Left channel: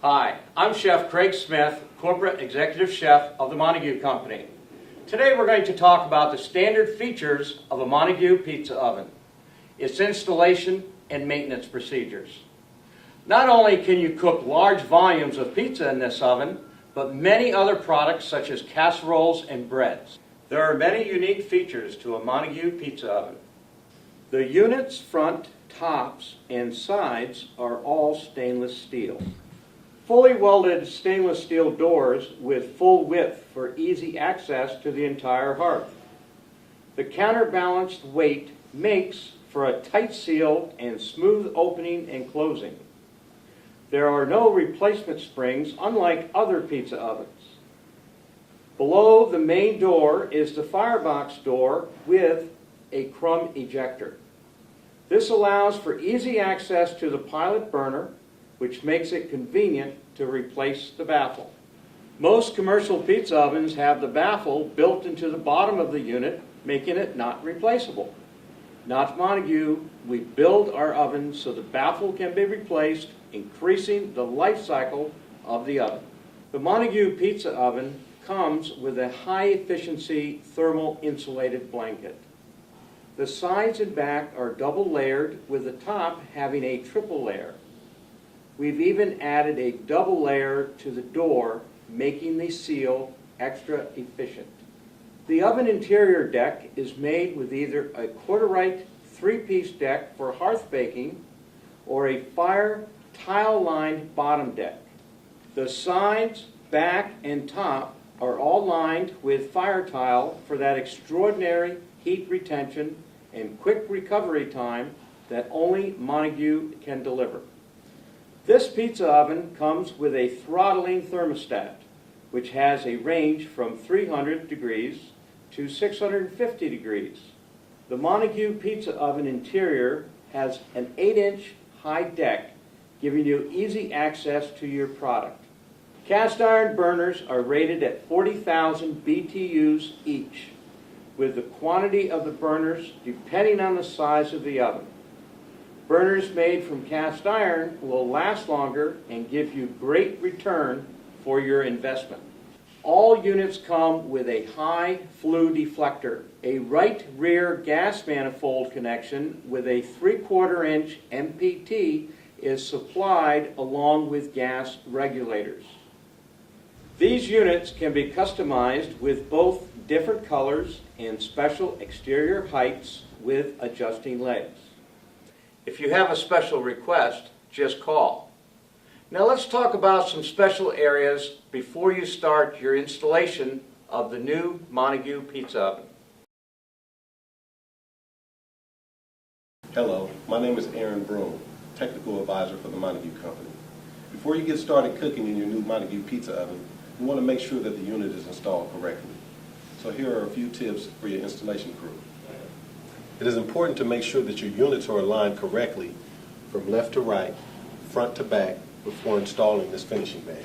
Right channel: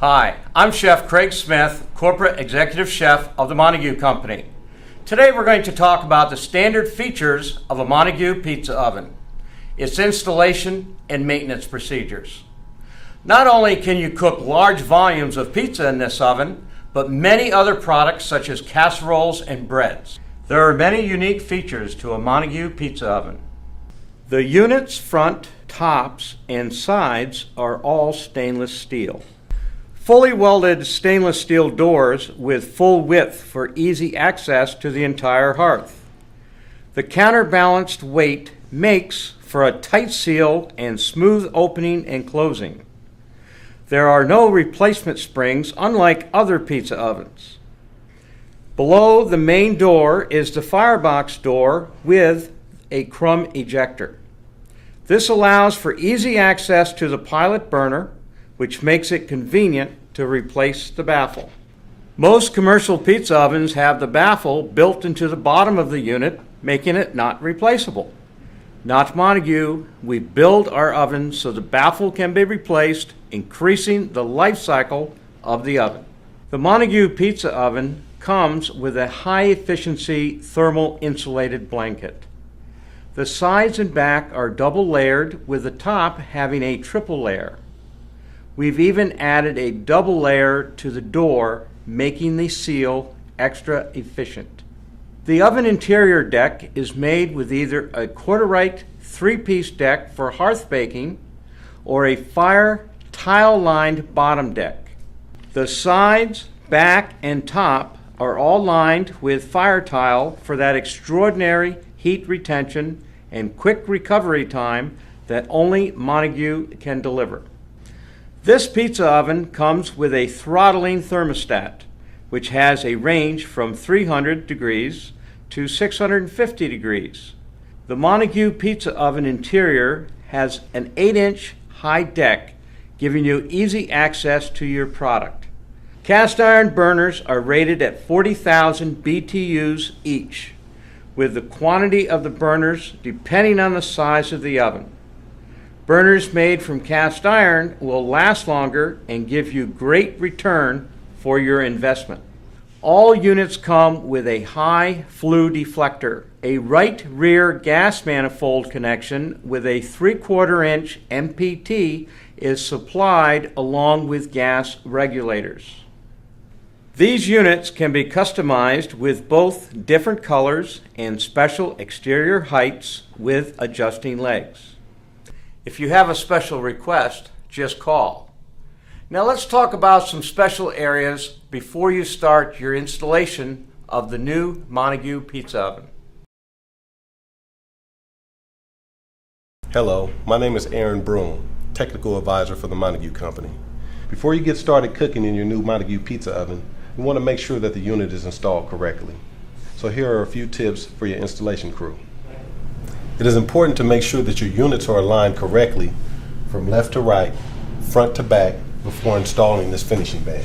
Hi, I'm Chef Craig Smith, Corporate Executive Chef of the Montague Company. Today we're going to talk about the standard features of a Montague pizza oven, its installation and maintenance procedures. Not only can you cook large volumes of pizza in this oven, but many other products such as casseroles and breads. There are many unique features to a Montague pizza oven. The unit's front, tops, and sides are all stainless steel. Fully welded stainless steel doors with full width for easy access to the entire hearth. The counterbalanced weight makes for a tight seal and smooth opening and closing. There are no replacement springs unlike other pizza ovens. Below the main door is the firebox door with a crumb ejector. This allows for easy access to the pilot burner, which makes it convenient to replace the baffle. Most commercial pizza ovens have the baffle built into the bottom of the unit, making it not replaceable. Not Montague, we build our oven so the baffle can be replaced, increasing the life cycle of the oven. The Montague pizza oven comes with a high-efficiency thermal insulated blanket. The sides and back are double layered, with the top having a triple layer. We've even added a double layer to the door, making the seal extra efficient. The oven interior deck is made with either a Quarter-Reich 3-piece deck for hearth baking or a fire tile-lined bottom deck. The sides, back, and top are all lined with fire tile for that extraordinary heat retention and quick recovery time that only Montague can deliver. This pizza oven comes with a throttling thermostat, which has a range from 300 degrees to 650 degrees. The Montague pizza oven interior has an 8-inch high deck, giving you easy access to your product. Cast iron burners are rated at 40,000 BTUs each, with the quantity of the burners depending on the size of the oven. Burners made from cast iron will last longer and give you great return for your investment. All units come with a high flue deflector, a right rear gas manifold connection with a 3/4 inch MPT is supplied along with gas regulators. These units can be customized with both different colors and special exterior heights with adjusting legs. If you have a special request, just call. Now let's talk about some special areas before you start your installation of the new Montague pizza oven. Hello, my name is Aaron Broom, Technical Advisor for the Montague Company. Before you get started cooking in your new Montague pizza oven, you want to make sure that the unit is installed correctly. So here are a few tips for your installation crew. It is important to make sure that your units are aligned correctly from left to right, front to back, before installing this finishing band.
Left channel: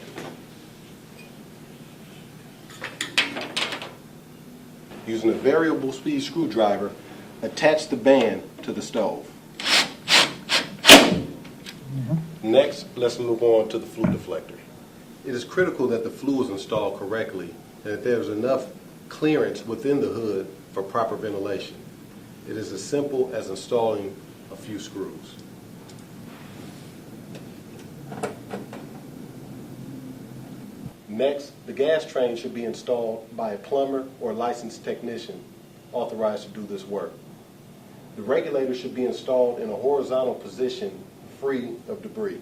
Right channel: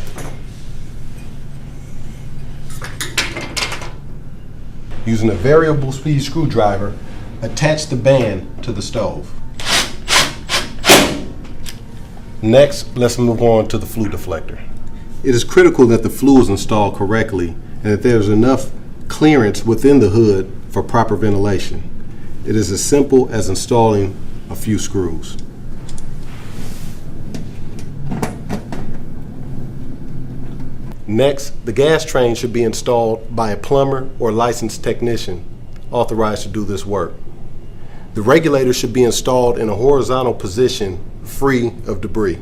Using a variable speed screwdriver, attach the band to the stove. Next, let's move on to the flue deflector. It is critical that the flue is installed correctly and that there is enough clearance within the hood for proper ventilation. It is as simple as installing a few screws. Next, the gas train should be installed by a plumber or licensed technician authorized to do this work. The regulator should be installed in a horizontal position, free of debris.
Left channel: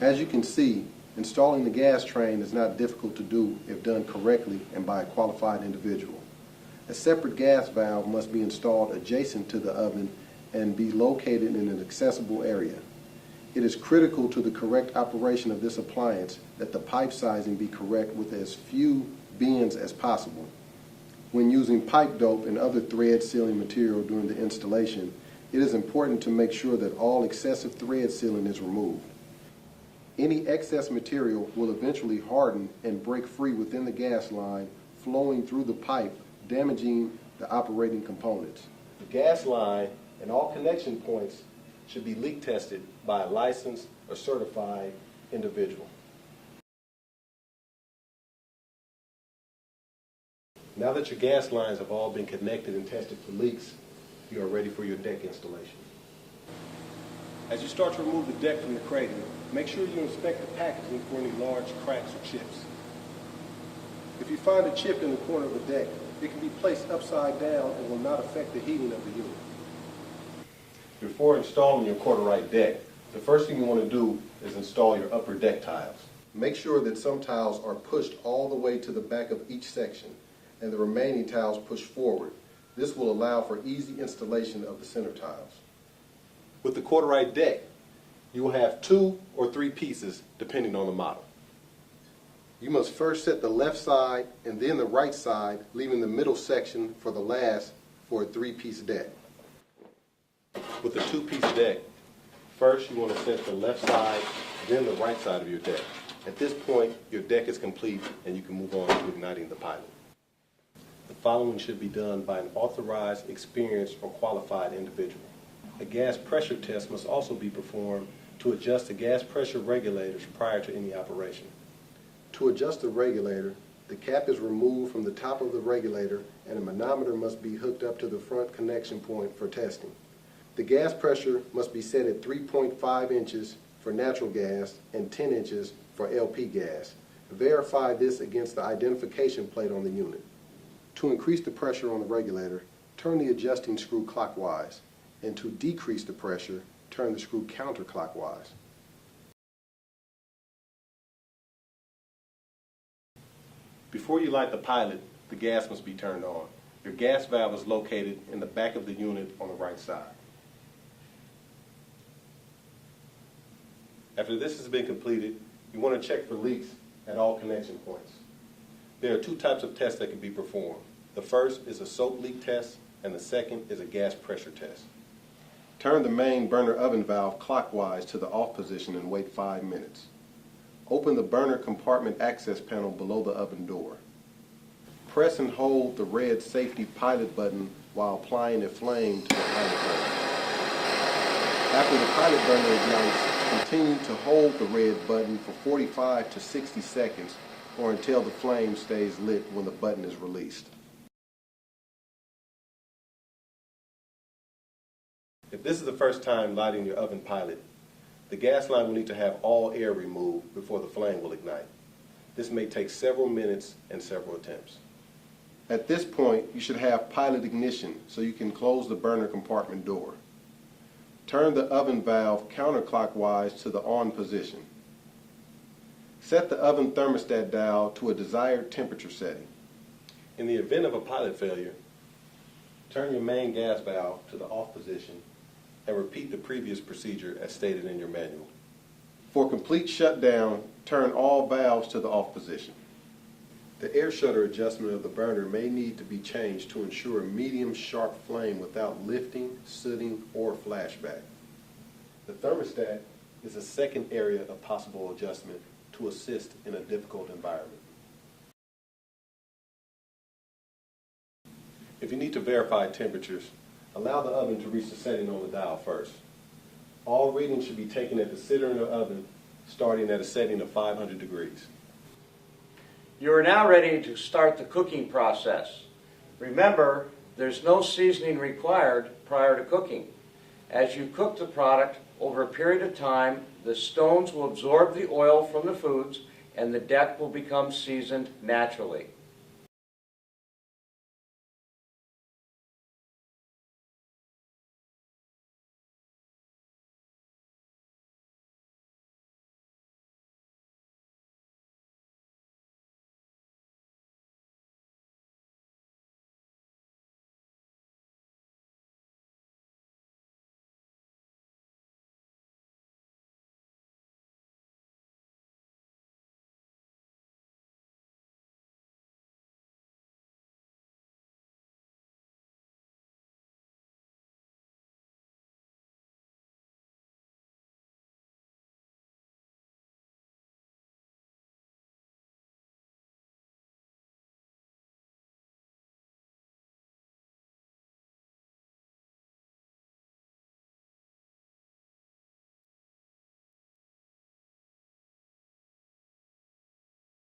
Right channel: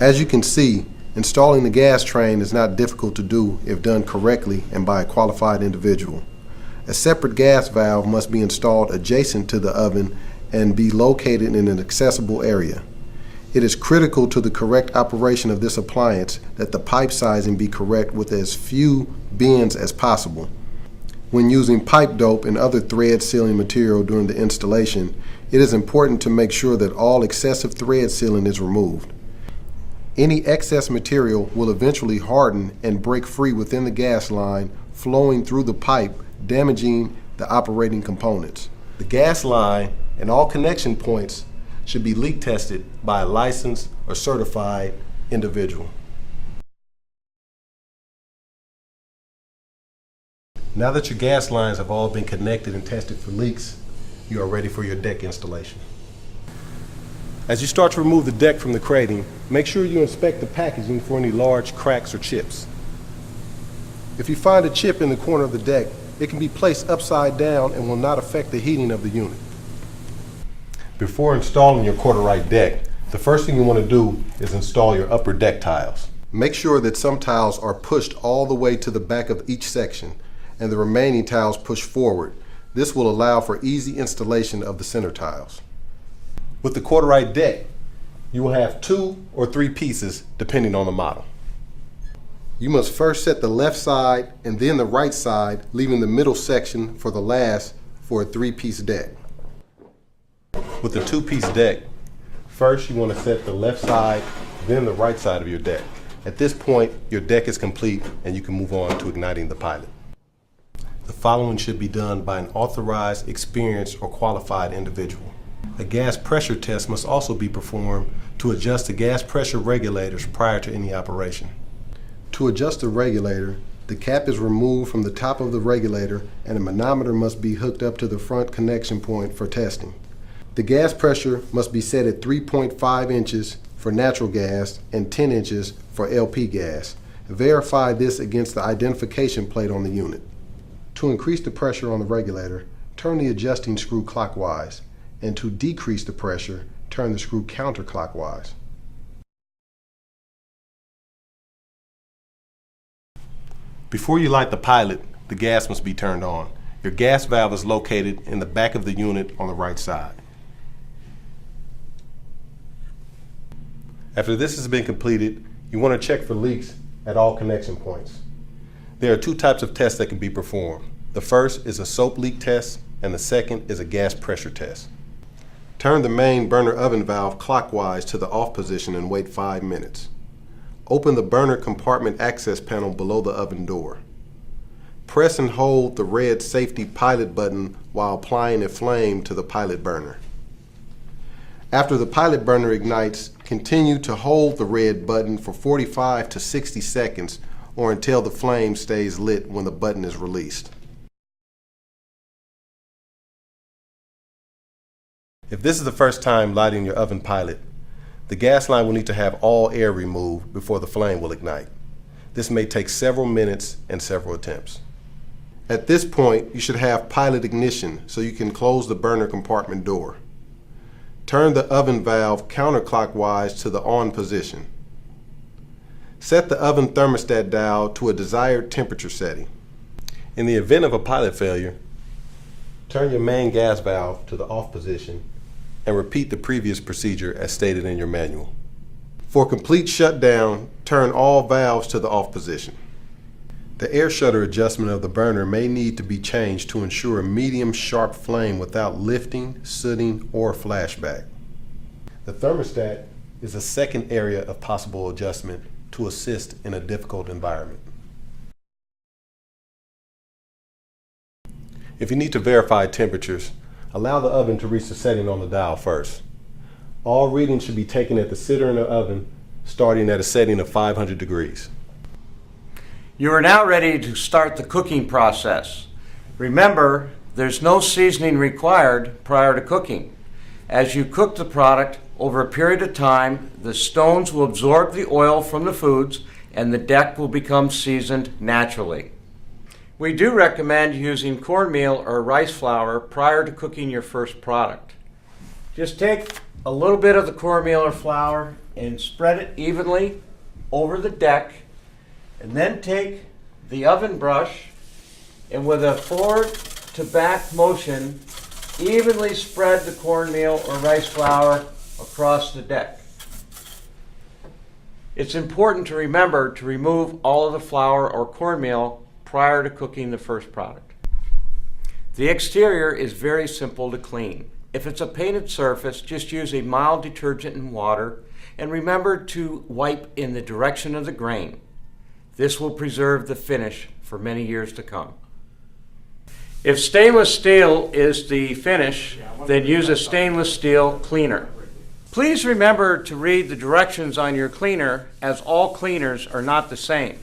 As you can see, installing the gas train is not difficult to do if done correctly and by a qualified individual. A separate gas valve must be installed adjacent to the oven and be located in an accessible area. It is critical to the correct operation of this appliance that the pipe sizing be correct with as few bends as possible. When using pipe dope and other thread sealing material during the installation, it is important to make sure that all excessive thread sealing is removed. Any excess material will eventually harden and break free within the gas line, flowing through the pipe, damaging the operating components. The gas line and all connection points should be leak tested by a licensed or certified individual. Now that your gas lines have all been connected and tested for leaks, you are ready for your deck installation. As you start to remove the deck from the crating, make sure you inspect the packaging for any large cracks or chips. If you find a chip in the corner of the deck, it can be placed upside down and will not affect the heating of the unit. Before installing your Quarter-Right deck, the first thing you want to do is install your upper deck tiles. Make sure that some tiles are pushed all the way to the back of each section and the remaining tiles pushed forward. This will allow for easy installation of the center tiles. With the Quarter-Right deck, you will have 2 or 3 pieces depending on the model. You must first set the left side and then the right side, leaving the middle section for the last for a 3-piece deck. With a 2-piece deck, first you want to set the left side, then the right side of your deck. At this point, your deck is complete and you can move on to igniting the pilot. The following should be done by an authorized, experienced, or qualified individual. A gas pressure test must also be performed to adjust the gas pressure regulators prior to any operation. To adjust the regulator, the cap is removed from the top of the regulator and a manometer must be hooked up to the front connection point for testing. The gas pressure must be set at 3.5 inches for natural gas and 10 inches for LP gas. Verify this against the identification plate on the unit. To increase the pressure on the regulator, turn the adjusting screw clockwise, and to decrease the pressure, turn the screw counterclockwise. Before you light the pilot, the gas must be turned on. Your gas valve is located in the back of the unit on the right side. After this has been completed, you want to check for leaks at all connection points. There are 2 types of tests that can be performed. The first is a soap leak test, and the second is a gas pressure test. Turn the main burner oven valve clockwise to the off position and wait 5 minutes. Open the burner compartment access panel below the oven door. Press and hold the red safety pilot button while applying a flame to the pilot burner. After the pilot burner ignites, continue to hold the red button for 45 to 60 seconds or until the flame stays lit when the button is released. If this is the first time lighting your oven pilot, the gas line will need to have all air removed before the flame will ignite. This may take several minutes and several attempts. At this point, you should have pilot ignition so you can close the burner compartment door. Turn the oven valve counterclockwise to the on position. Set the oven thermostat dial to a desired temperature setting. In the event of a pilot failure, turn your main gas valve to the off position and repeat the previous procedure as stated in your manual. For complete shutdown, turn all valves to the off position. The air shutter adjustment of the burner may need to be changed to ensure a medium sharp flame without lifting, sooting, or flashback. The thermostat is a second area of possible adjustment to assist in a difficult environment. If you need to verify temperatures, allow the oven to reach the setting on the dial first. All readings should be taken at the center in the oven, starting at a setting of 500 degrees. You are now ready to start the cooking process. Remember, there's no seasoning required prior to cooking. As you cook the product over a period of time, the stones will absorb the oil from the foods and the deck will become seasoned naturally. We do recommend using cornmeal or rice flour prior to cooking your first product. Just take a little bit of the cornmeal or flour and spread it evenly over the deck, and then take the oven brush and with a forward to back motion, evenly spread the cornmeal or rice flour across the deck. It's important to remember to remove all of the flour or cornmeal prior to cooking the first product. The exterior is very simple to clean. If it's a painted surface, just use a mild detergent and water, and remember to wipe in the direction of the grain. This will preserve the finish for many years to come. If stainless steel is the finish, then use a stainless steel cleaner. Please remember to read the directions on your cleaner, as all cleaners are not the same.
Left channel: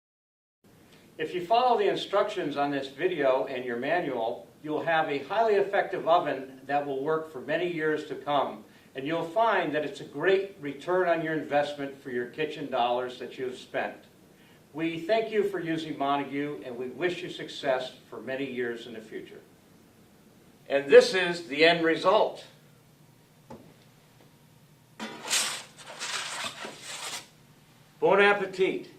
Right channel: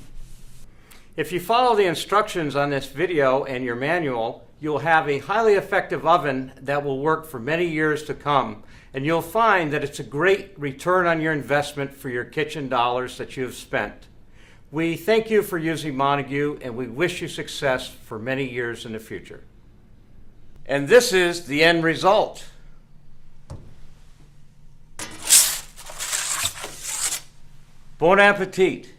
If you follow the instructions on this video and your manual, you'll have a highly effective oven that will work for many years to come, and you'll find that it's a great return on your investment for your kitchen dollars that you have spent. We thank you for using Montague, and we wish you success for many years in the future. And this is the end result. Bon appetit.